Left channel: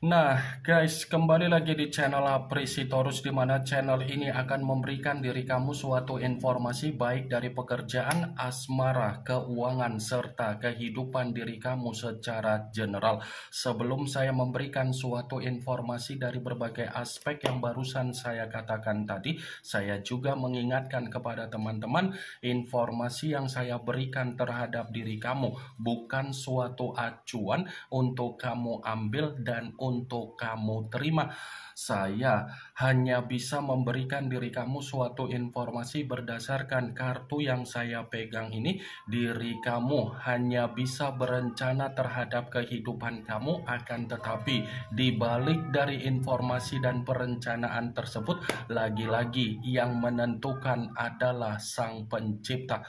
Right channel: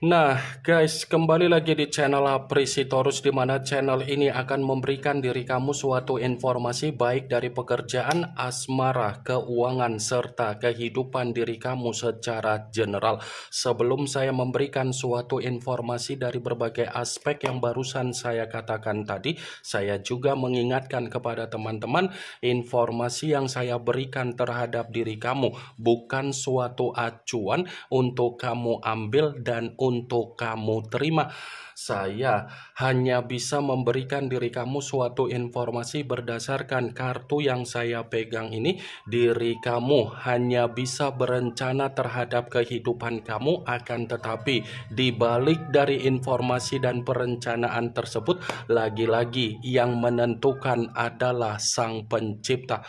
Nah, guys, kembali lagi di channel Apresitorus, di mana channel ini akan memberikan diri kamu suatu informasi baik dari pekerjaan, asmara, keuangan, serta kehidupan diri kamu secara general. Sebelum saya memberikan suatu informasi dari berbagai aspek yang barusan saya katakan tadi, saya juga mengingatkan kepada teman-teman, informasi yang saya berikan terhadap diri kamu bukan suatu acuan untuk kamu ambil dan untuk kamu terima. Saya hanya bisa memberikan diri kamu suatu informasi berdasarkan kartu yang saya pegang ini. Diri kamu hanya bisa berencana terhadap kehidupan kamu, akan tetapi di balik dari informasi dan perencanaan tersebut, lagi-lagi yang menentukan adalah Sang Pencipta.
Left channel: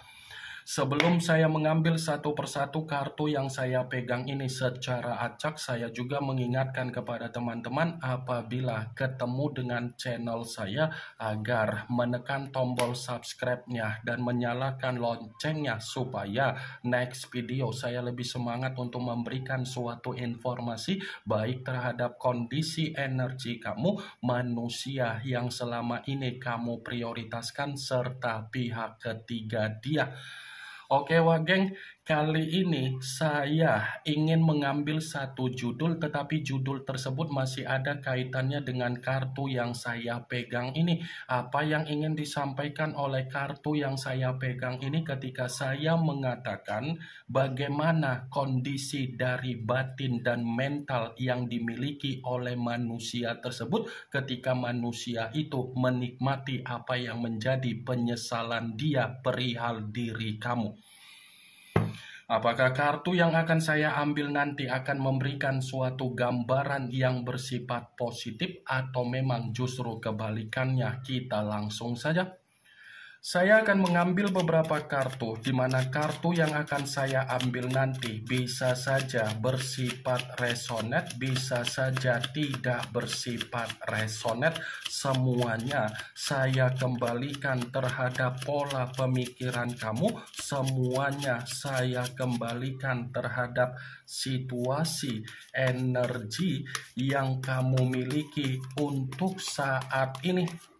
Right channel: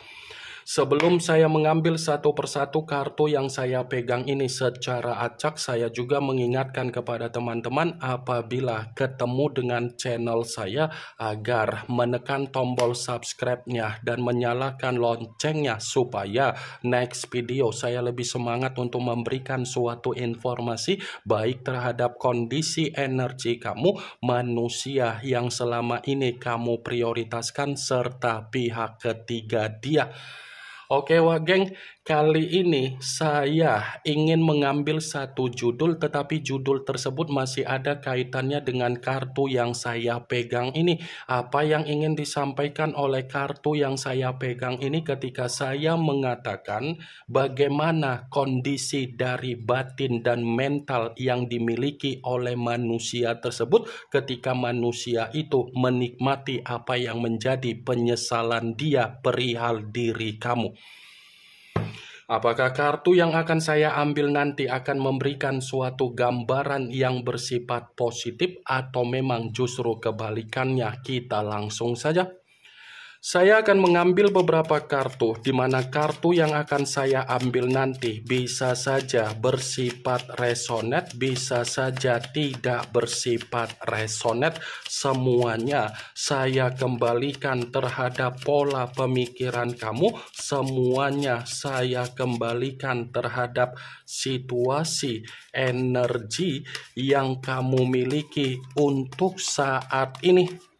Sebelum saya mengambil satu persatu kartu yang saya pegang ini secara acak, saya juga mengingatkan kepada teman-teman apabila ketemu dengan channel saya agar menekan tombol subscribe-nya dan menyalakan loncengnya supaya next video saya lebih semangat untuk memberikan suatu informasi baik terhadap kondisi energi kamu, manusia yang selama ini kamu prioritaskan, serta pihak ketiga dia. Oke Wageng, kali ini saya ingin mengambil satu judul, tetapi judul tersebut masih ada kaitannya dengan kartu yang saya pegang ini. Apa yang ingin disampaikan oleh kartu yang saya pegang ini ketika saya mengatakan bagaimana kondisi dari batin dan mental yang dimiliki oleh manusia tersebut ketika manusia itu menikmati apa yang menjadi penyesalan dia perihal diri kamu. Apakah kartu yang akan saya ambil nanti akan memberikan suatu gambaran yang bersifat positif atau memang justru kebalikannya? Kita langsung saja. Saya akan mengambil beberapa kartu, di mana kartu yang akan saya ambil nanti bisa saja bersifat resonate, bisa saja tidak bersifat resonate. Semuanya saya kembalikan terhadap pola pemikiran kamu, semuanya saya kembalikan terhadap situasi energi yang kamu miliki untuk saat ini.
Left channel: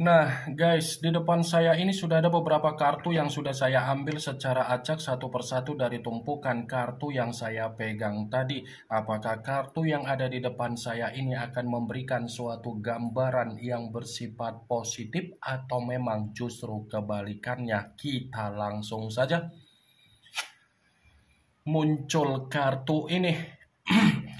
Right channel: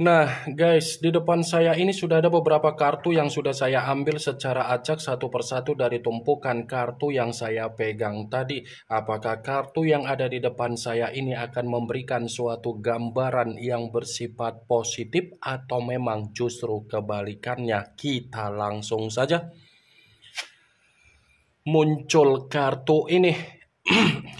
Nah guys, di depan saya ini sudah ada beberapa kartu yang sudah saya ambil secara acak satu persatu dari tumpukan kartu yang saya pegang tadi. Apakah kartu yang ada di depan saya ini akan memberikan suatu gambaran yang bersifat positif atau memang justru kebalikannya? Kita langsung saja. Muncul kartu ini.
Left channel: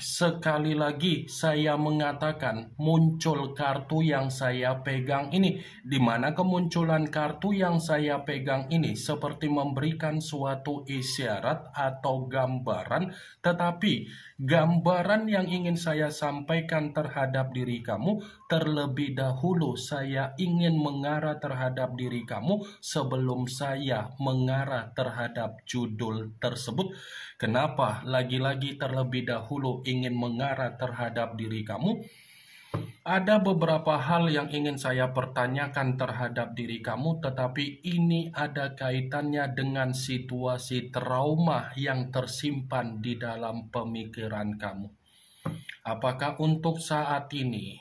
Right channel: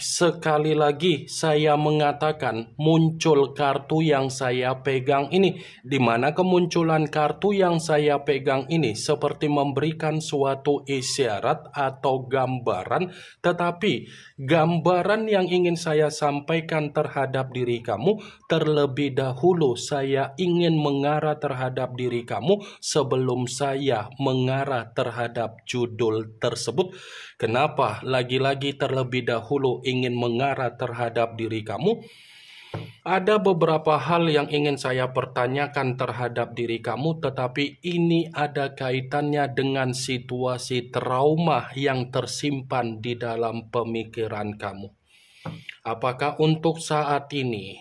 Sekali lagi saya mengatakan muncul kartu yang saya pegang ini, di mana kemunculan kartu yang saya pegang ini seperti memberikan suatu isyarat atau gambaran, tetapi gambaran yang ingin saya sampaikan terhadap diri kamu, terlebih dahulu saya ingin mengarah terhadap diri kamu sebelum saya mengarah terhadap judul tersebut. Kenapa lagi-lagi terlebih dahulu ingin mengarah terhadap diri kamu? Ada beberapa hal yang ingin saya pertanyakan terhadap diri kamu, tetapi ini ada kaitannya dengan situasi trauma yang tersimpan di dalam pemikiran kamu. Apakah untuk saat ini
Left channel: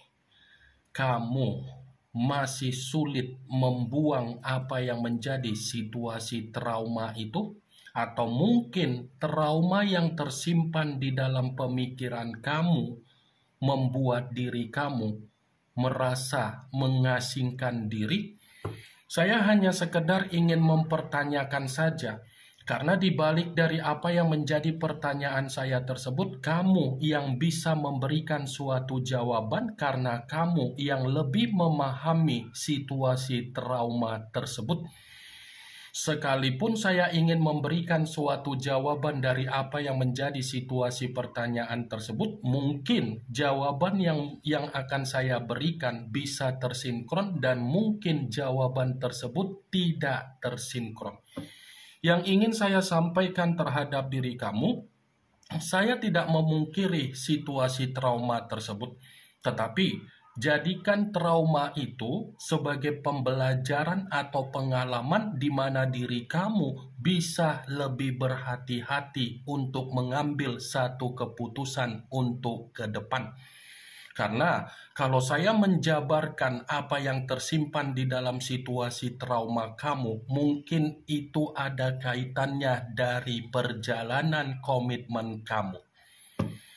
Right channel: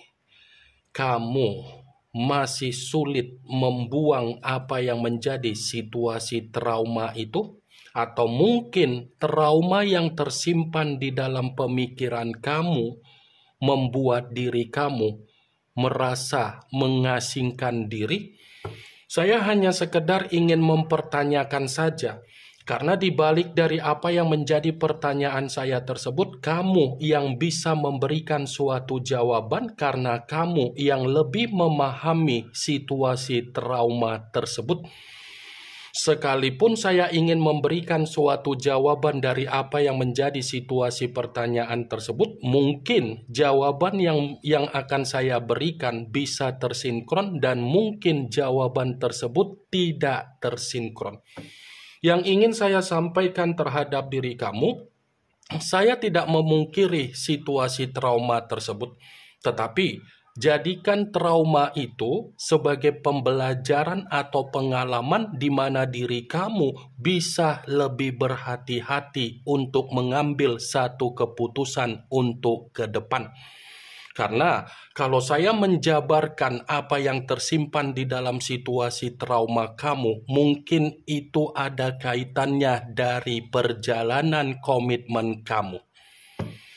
kamu masih sulit membuang apa yang menjadi situasi trauma itu? Atau mungkin trauma yang tersimpan di dalam pemikiran kamu membuat diri kamu merasa mengasingkan diri? Saya hanya sekedar ingin mempertanyakan saja, Karena di balik dari apa yang menjadi pertanyaan saya tersebut, kamu yang bisa memberikan suatu jawaban karena kamu yang lebih memahami situasi trauma tersebut. Sekalipun saya ingin memberikan suatu jawaban dari apa yang menjadi situasi pertanyaan tersebut, mungkin jawaban yang akan saya berikan bisa tersinkron dan mungkin jawaban tersebut tidak tersinkron. Yang ingin saya sampaikan terhadap diri kamu, saya tidak memungkiri situasi trauma tersebut, tetapi jadikan trauma itu sebagai pembelajaran atau pengalaman di mana diri kamu bisa lebih berhati-hati untuk mengambil satu keputusan untuk ke depan. Karena kalau saya menjabarkan apa yang tersimpan di dalam situasi trauma kamu, mungkin itu ada kaitannya dari perjalanan komitmen kamu.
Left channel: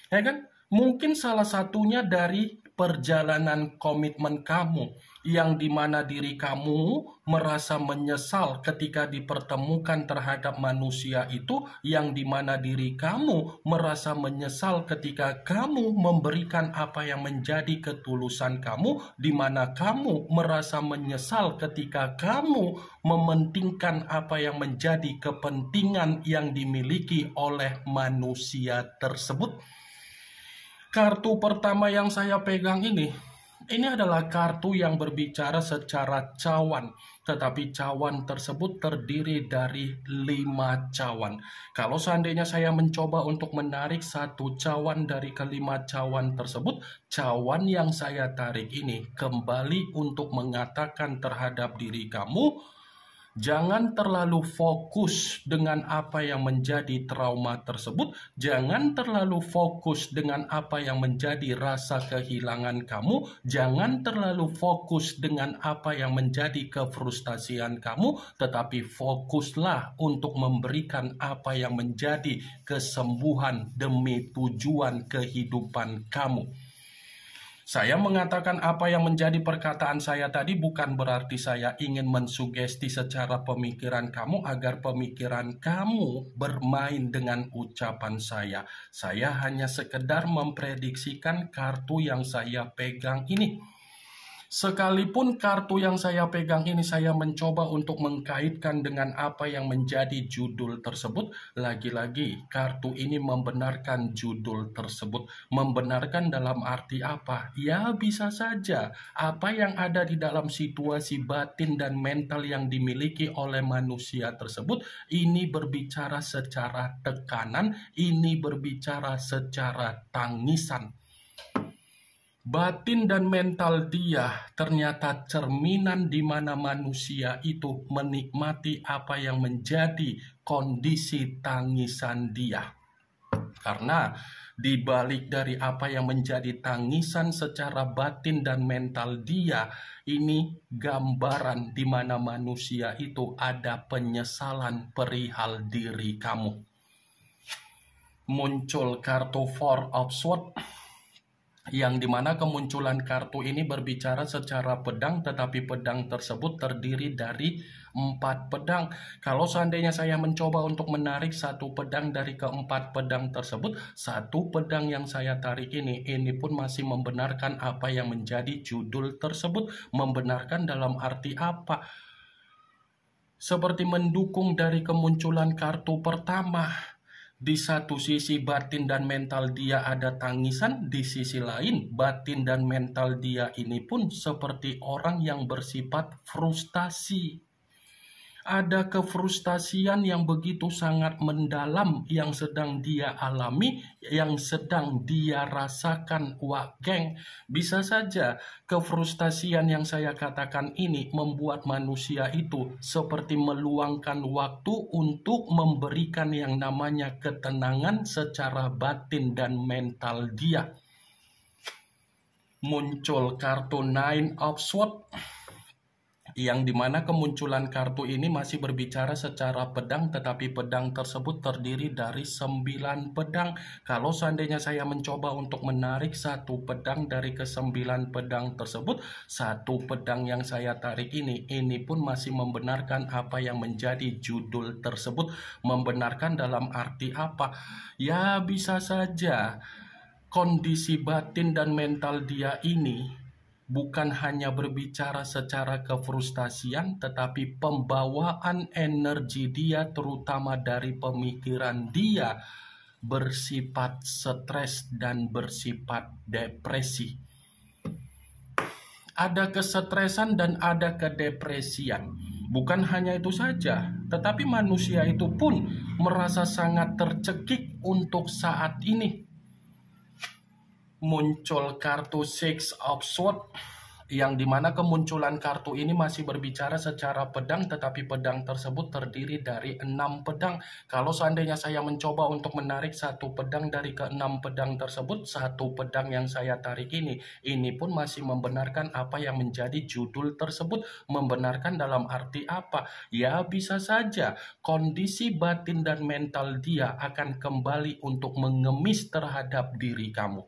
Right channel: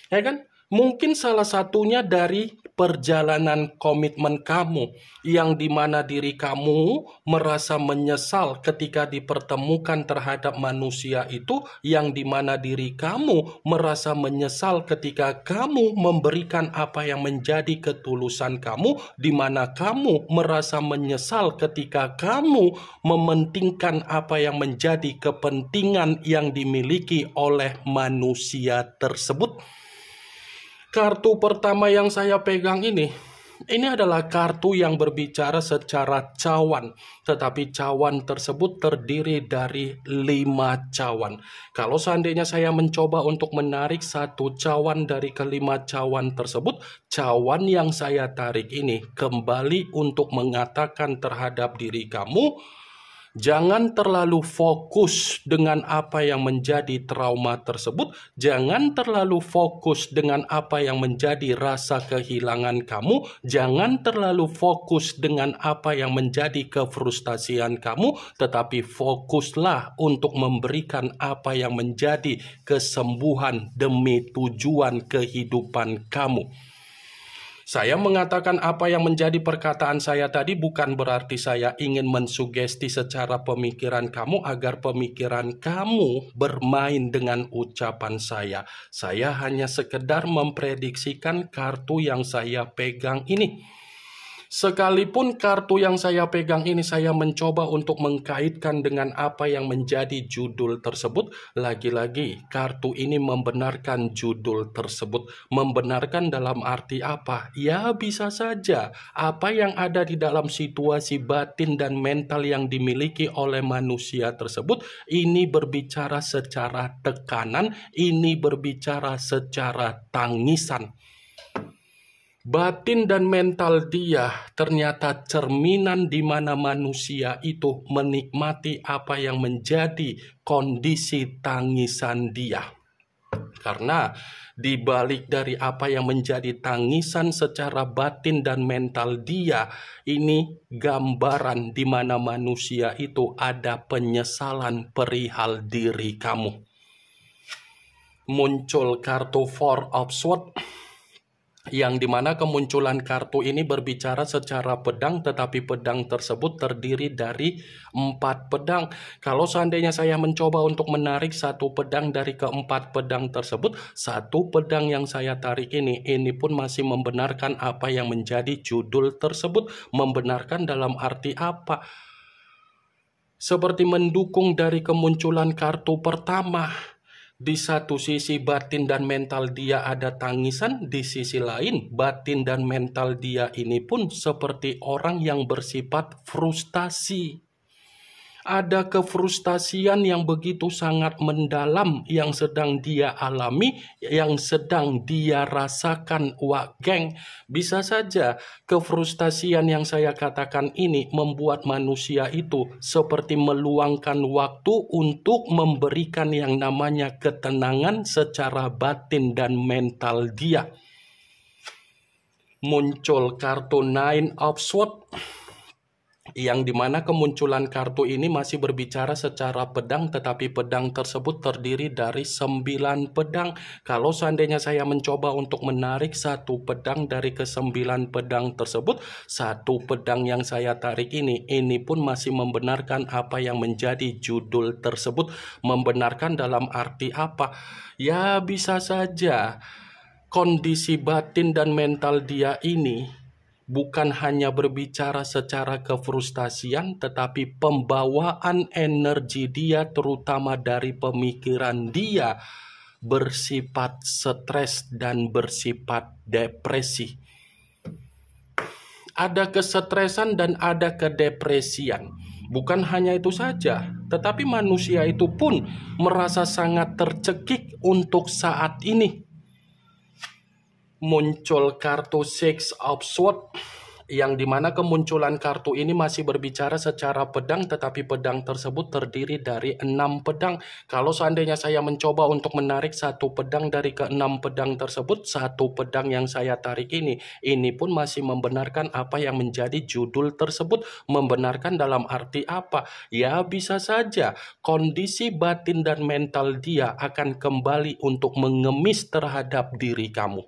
Ya kan? Mungkin salah satunya dari perjalanan komitmen kamu, yang dimana diri kamu merasa menyesal ketika dipertemukan terhadap manusia itu, yang dimana diri kamu merasa menyesal ketika kamu memberikan apa yang menjadi ketulusan kamu, dimana kamu merasa menyesal ketika kamu mementingkan apa yang menjadi kepentingan yang dimiliki oleh manusia tersebut. Kartu pertama yang saya pegang ini adalah kartu yang berbicara secara cawan. Tetapi cawan tersebut terdiri dari 5 cawan. Kalau seandainya saya mencoba untuk menarik satu cawan dari kelima cawan tersebut, cawan yang saya tarik ini kembali untuk mengatakan terhadap diri kamu, jangan terlalu fokus dengan apa yang menjadi trauma tersebut. Jangan terlalu fokus dengan apa yang menjadi rasa kehilangan kamu. Jangan terlalu fokus dengan apa yang menjadi kefrustasian kamu. Tetapi fokuslah untuk memberikan apa yang menjadi kesembuhan demi tujuan kehidupan kamu. Saya mengatakan apa yang menjadi perkataan saya tadi bukan berarti saya ingin mensugesti secara pemikiran kamu agar pemikiran kamu bermain dengan ucapan saya. Saya hanya sekedar memprediksikan kartu yang saya pegang ini. Sekalipun kartu yang saya pegang ini saya mencoba untuk mengkaitkan dengan apa yang menjadi judul tersebut, lagi-lagi kartu ini membenarkan judul tersebut. Membenarkan dalam arti apa? Ya bisa saja apa yang ada di dalam situasi batin dan mental yang dimiliki oleh manusia tersebut, ini berbicara secara tekanan, ini berbicara secara tangisan. Batin dan mental dia ternyata cerminan di mana manusia itu menikmati apa yang menjadi kondisi tangisan dia. Karena di balik dari apa yang menjadi tangisan secara batin dan mental dia, ini gambaran di mana manusia itu ada penyesalan perihal diri kamu. Muncul kartu Four of Swords, yang dimana kemunculan kartu ini berbicara secara pedang, tetapi pedang tersebut terdiri dari 4 pedang. Kalau seandainya saya mencoba untuk menarik satu pedang dari keempat pedang tersebut, satu pedang yang saya tarik ini pun masih membenarkan apa yang menjadi judul tersebut. Membenarkan dalam arti apa? Seperti mendukung dari kemunculan kartu pertama. Di satu sisi batin dan mental dia ada tangisan, di sisi lain batin dan mental dia ini pun seperti orang yang bersifat frustasi. Ada kefrustasian yang begitu sangat mendalam yang sedang dia alami, yang sedang dia rasakan, geng. Bisa saja kefrustasian yang saya katakan ini membuat manusia itu seperti meluangkan waktu untuk memberikan yang namanya ketenangan secara batin dan mental dia. Muncul kartu Nine of Swords, yang dimana kemunculan kartu ini masih berbicara secara pedang, tetapi pedang tersebut terdiri dari 9 pedang. Kalau seandainya saya mencoba untuk menarik satu pedang dari ke-9 pedang tersebut, satu pedang yang saya tarik ini pun masih membenarkan apa yang menjadi judul tersebut. Membenarkan dalam arti apa? Ya bisa saja kondisi batin dan mental dia ini bukan hanya berbicara secara kefrustasian, tetapi pembawaan energi dia terutama dari pemikiran dia bersifat stres dan bersifat depresi. Ada kesetresan dan ada kedepresian. Bukan hanya itu saja, tetapi manusia itu pun merasa sangat tercekik untuk saat ini. Muncul kartu Six of Swords, yang dimana kemunculan kartu ini masih berbicara secara pedang, tetapi pedang tersebut terdiri dari 6 pedang. Kalau seandainya saya mencoba untuk menarik satu pedang dari ke-6 pedang tersebut, satu pedang yang saya tarik ini pun masih membenarkan apa yang menjadi judul tersebut. Membenarkan dalam arti apa? Ya bisa saja kondisi batin dan mental dia akan kembali untuk mengemis terhadap diri kamu.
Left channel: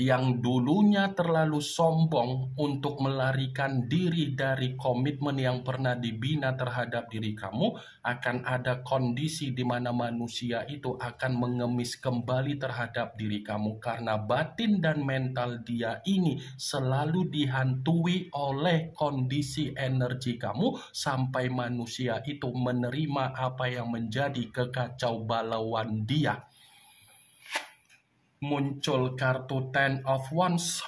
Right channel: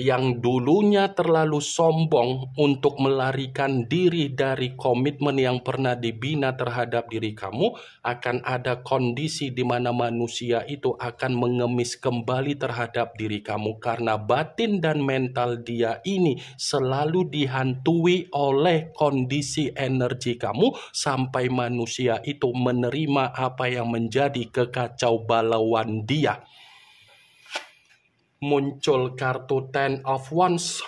Yang dulunya terlalu sombong untuk melarikan diri dari komitmen yang pernah dibina terhadap diri kamu, akan ada kondisi di mana manusia itu akan mengemis kembali terhadap diri kamu karena batin dan mental dia ini selalu dihantui oleh kondisi energi kamu sampai manusia itu menerima apa yang menjadi kekacau balauan dia. Muncul kartu Ten of Wands,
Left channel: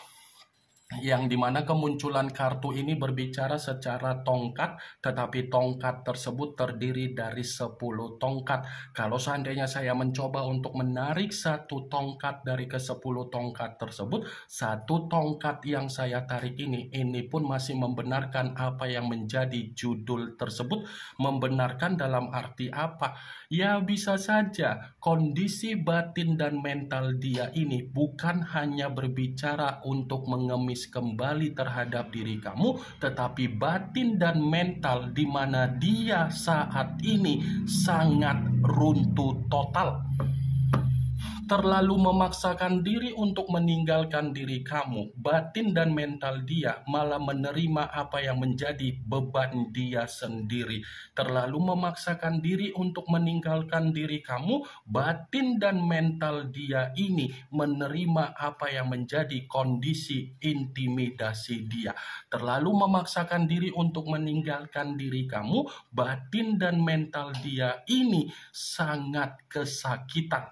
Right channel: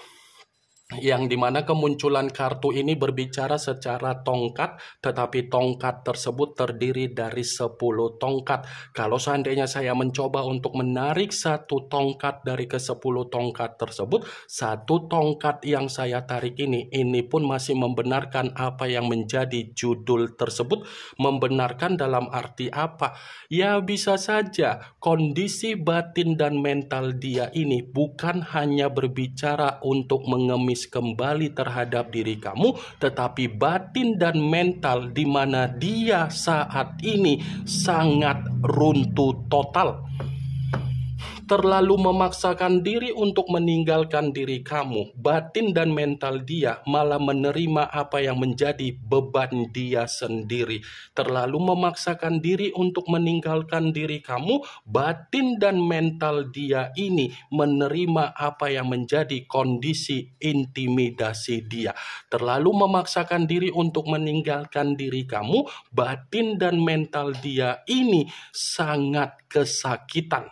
yang dimana kemunculan kartu ini berbicara secara tongkat, tetapi tongkat tersebut terdiri dari 10 tongkat. Kalau seandainya saya mencoba untuk menarik satu tongkat dari ke-10 tongkat tersebut, satu tongkat yang saya tarik ini pun masih membenarkan apa yang menjadi judul tersebut. Membenarkan dalam arti apa? Ya bisa saja kondisi batin dan mental dia ini bukan hanya berbicara untuk mengemis kembali terhadap diri kamu, tetapi batin dan mental di mana dia saat ini sangat runtuh total. Terlalu memaksakan diri untuk meninggalkan diri kamu, batin dan mental dia malah menerima apa yang menjadi beban dia sendiri. Terlalu memaksakan diri untuk meninggalkan diri kamu, batin dan mental dia ini menerima apa yang menjadi kondisi intimidasi dia. Terlalu memaksakan diri untuk meninggalkan diri kamu, batin dan mental dia ini sangat kesakitan.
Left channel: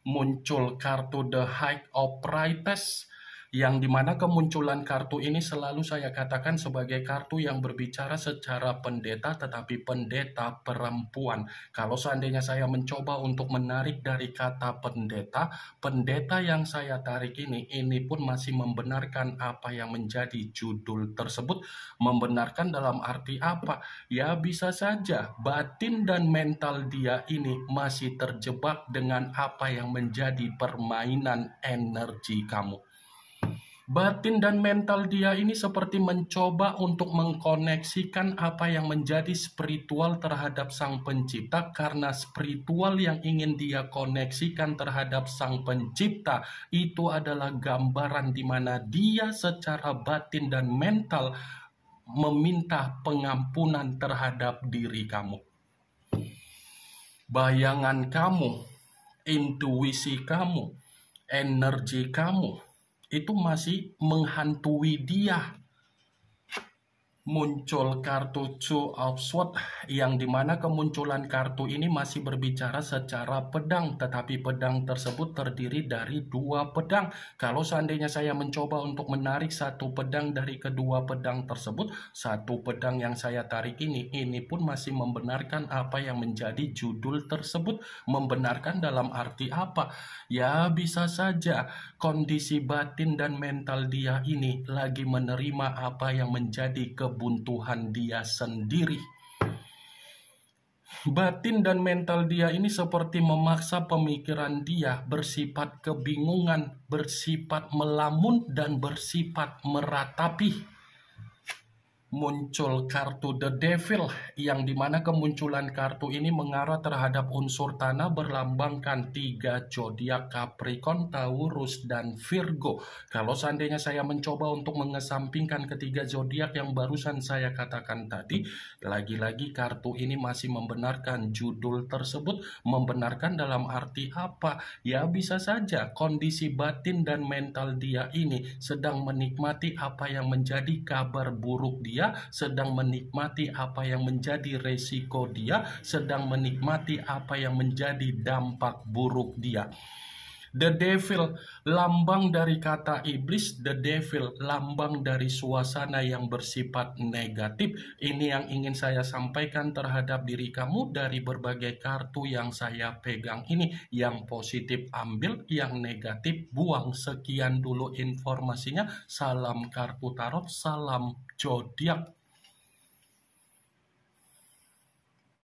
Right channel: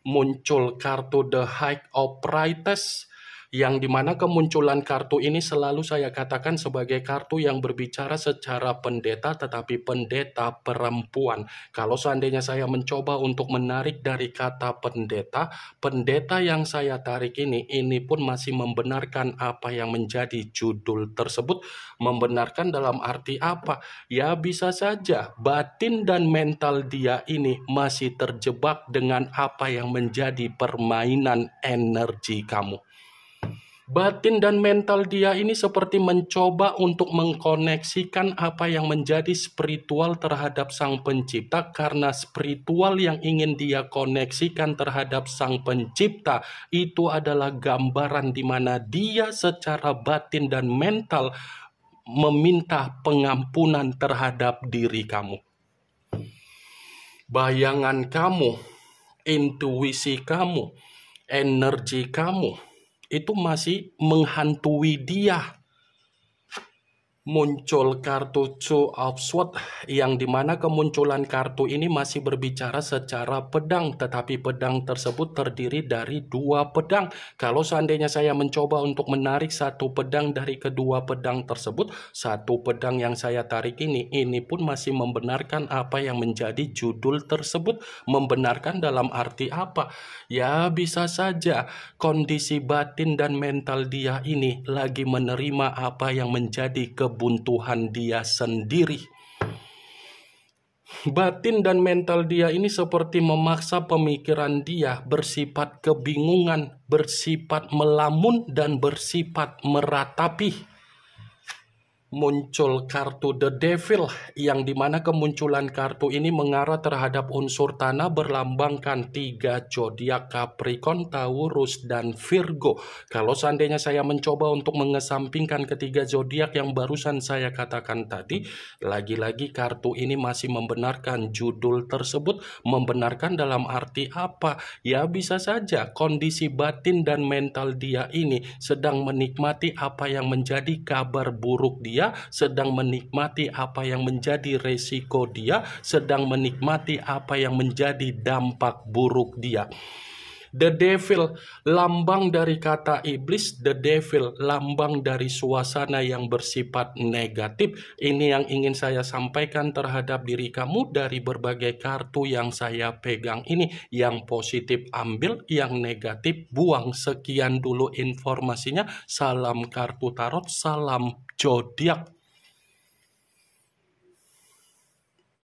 Muncul kartu The High of Priestess, yang dimana kemunculan kartu ini selalu saya katakan sebagai kartu yang berbicara secara pendeta, tetapi pendeta perempuan. Kalau seandainya saya mencoba untuk menarik dari kata pendeta, pendeta yang saya tarik ini pun masih membenarkan apa yang menjadi judul tersebut. Membenarkan dalam arti apa? Ya bisa saja batin dan mental dia ini masih terjebak dengan apa yang menjadi permainan energi kamu. Batin dan mental dia ini seperti mencoba untuk mengkoneksikan apa yang menjadi spiritual terhadap Sang Pencipta, karena spiritual yang ingin dia koneksikan terhadap Sang Pencipta itu adalah gambaran di mana dia secara batin dan mental meminta pengampunan terhadap diri kamu. Bayangan kamu, intuisi kamu, energi kamu itu masih menghantui dia. Muncul kartu Two of Swords, yang dimana kemunculan kartu ini masih berbicara secara pedang, tetapi pedang tersebut terdiri dari 2 pedang. Kalau seandainya saya mencoba untuk menarik satu pedang dari kedua pedang tersebut, satu pedang yang saya tarik ini pun masih membenarkan apa yang menjadi judul tersebut. Membenarkan dalam arti apa? Ya bisa saja kondisi batin dan mental dia ini lagi menerima apa yang menjadi kebuntuan dia sendiri. Batin dan mental dia ini seperti memaksa pemikiran dia bersifat kebingungan, bersifat melamun, dan bersifat meratapi. muncul kartu The Devil, yang dimana kemunculan kartu ini mengarah terhadap unsur tanah berlambangkan 3 zodiak Capricorn, Taurus, dan Virgo. Kalau seandainya saya mencoba untuk mengesampingkan ketiga zodiak yang barusan saya katakan tadi, lagi-lagi kartu ini masih membenarkan judul tersebut. Membenarkan dalam arti apa? Ya bisa saja kondisi batin dan mental dia ini sedang menikmati apa yang menjadi kabar buruk dia, sedang menikmati apa yang menjadi resiko dia, sedang menikmati apa yang menjadi dampak buruk dia. The Devil, lambang dari kata iblis. The Devil, lambang dari suasana yang bersifat negatif. Ini yang ingin saya sampaikan terhadap diri kamu dari berbagai kartu yang saya pegang ini. Yang positif ambil, yang negatif buang. Sekian dulu informasinya. Salam kartu tarot, salam zodiak.